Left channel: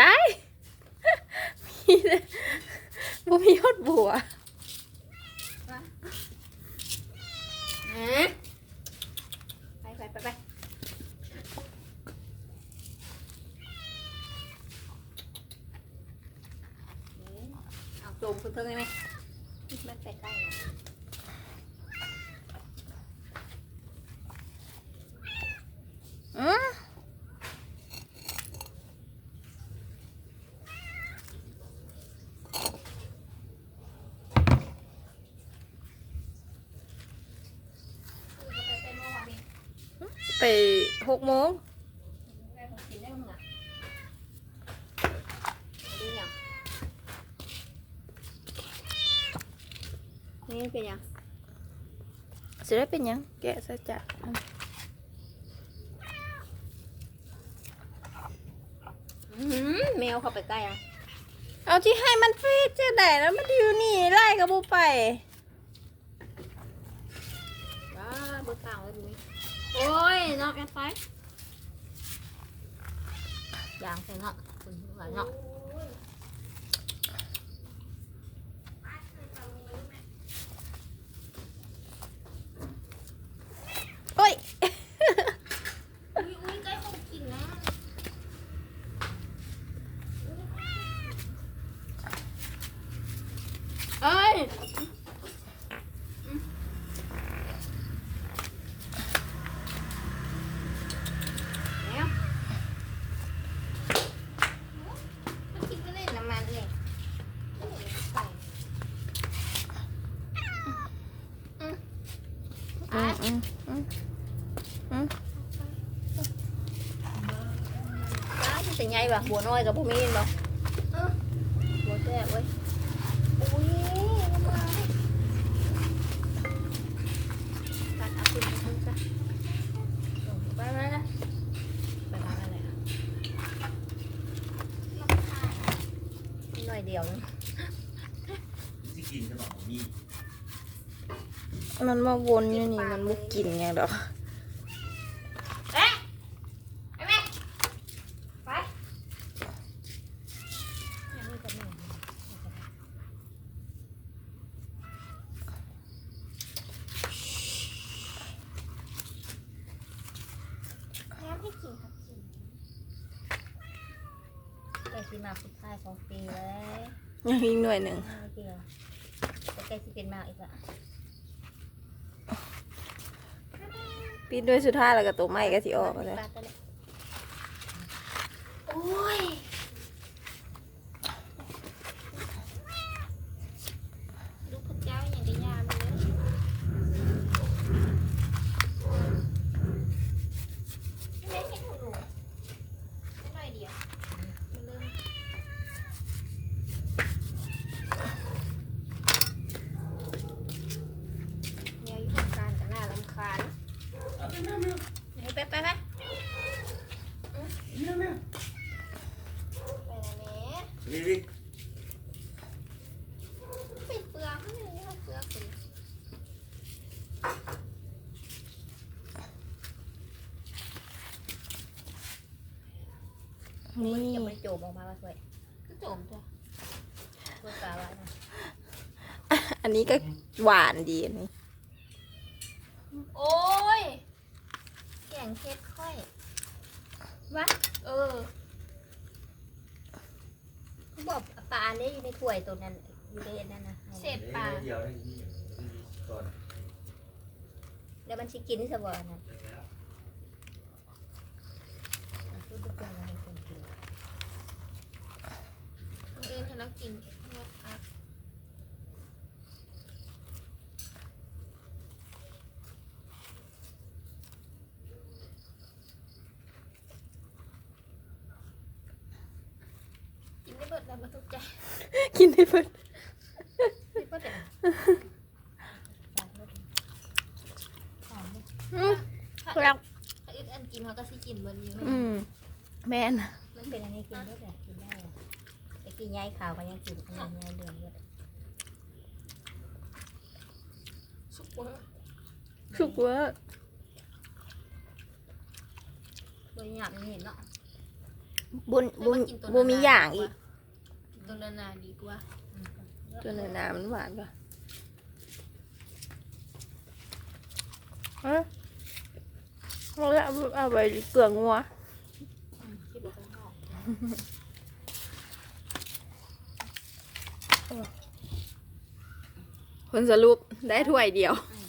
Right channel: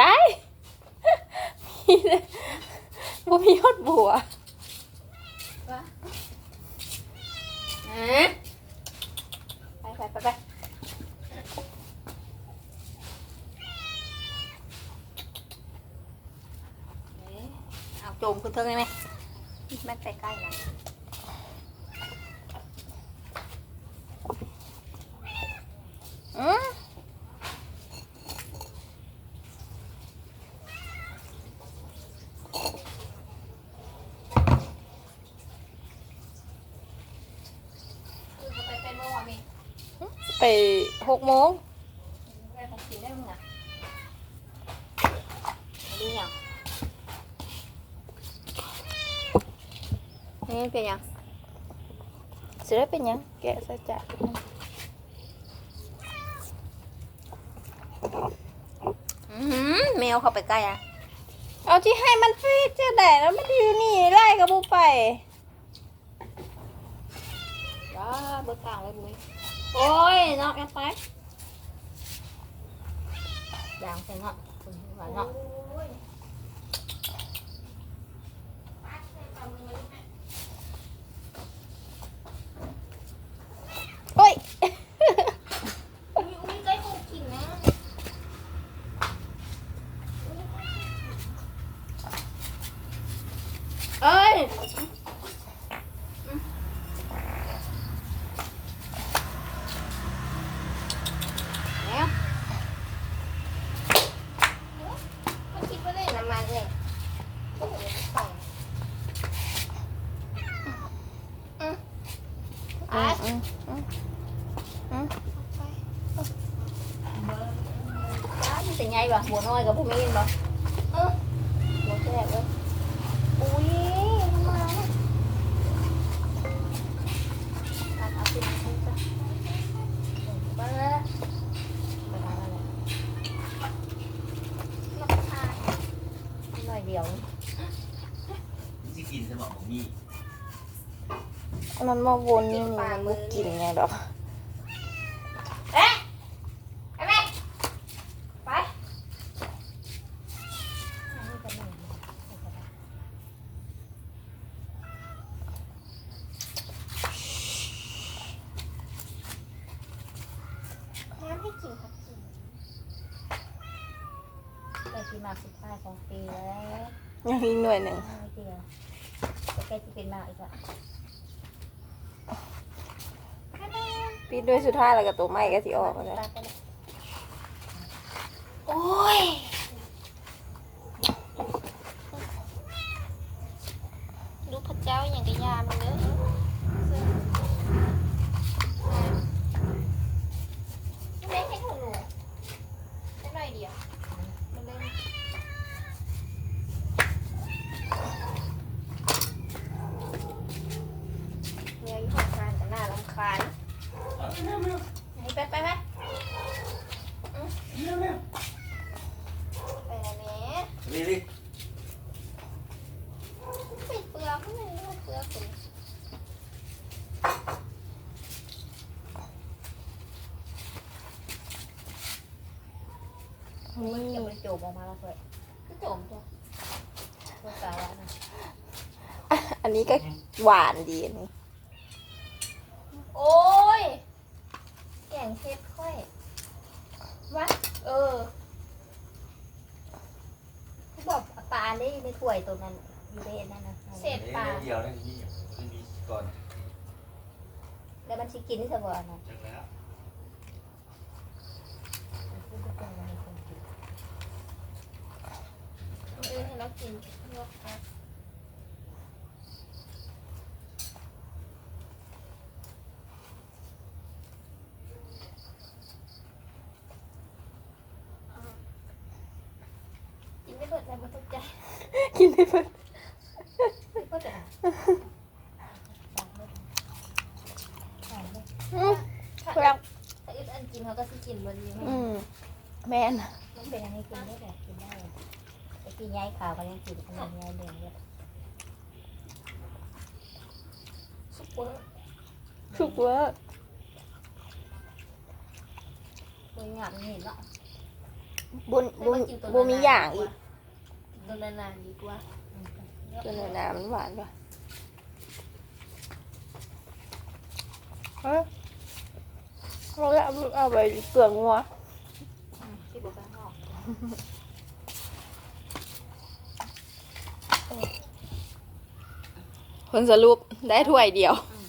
ได้มีแต่บ่มีฮอดบัวไปเอาโจมคุณเทิงได้ไหมมันไปใกล้แล้วไป6 โมงนี่เป็นยังจะได้เป็นยังแกะซะจ้ะแมวเข้าไปใกล้อ่ะเอาที่ให้มันฟีดจะได้แล้วมันอยู่นี่ไล่กับบูไปว้าเบิกต่างเลยบุ้ยโอ้ยนอกแอปไปอย่างใส่นอกคุณหวานนอกโอ้ยเอ้ยเป็นไงบ่หัวน้อยกับผู้มีนบ่หัวแตกเว้ยอุ้ยมาเอาขึ้นมาซะไปแล้วไปทำอะไรหน่อยเดียวที่กินสมองนี่มันมาวนนี่มันไม่กินไงดอกที่มาสุดท้าย2 ปีแล้วยังอีกหน่วยหนึ่งใกล้ที่เป็นมาอีกละปีด้วยสุดท้ายแล้วก็ตัวใหม่ก็ที่ออกเลยโอ้ยลูกพระเจ้าอย่างกระยามเลยไม่ให้ของหนูได้หน่อยเดียวไปไปเร็วเร็วไปแล้วแม่นี่ดิไปเปลือกข้างในนี่เปลือกคุณนี่ยังมันโจมออกมาแล้วเลยก็โจมจ้ะเปลือกตาหวานอันนี้ก็หวานดีอันนี้โอ้ยแกงเผ็ดค่อยวะบอกปลาได้ในถ้วยตรงนั้นอยู่ในนั่นนะเศษปลาเดียวนี่นี่ก่อนแล้วมันชิกินสบายนะให้เรากินลวกผักกินได้เบิดแต่ไม่ทุกใจกินได้เบิดครับถ้าอึดอันกินเขาก็สิกินเบิดเลยแม่นมันเป็นอะไรกินได้แบบกินได้ไอ้กินย้ายขาวมันยังกินอันนี้ย้ายเด่นเยอะสุกเวอร์ตัวหยาบนี่เนาะ บุญบุญบุญมีอย่างอีก ตัวนาดีกว่า ตัวน้ำมันหวานป่ะเอาไปเกลืองัว ที่บอกกันออก ผลสรุปได้ถ้วยเดียว อื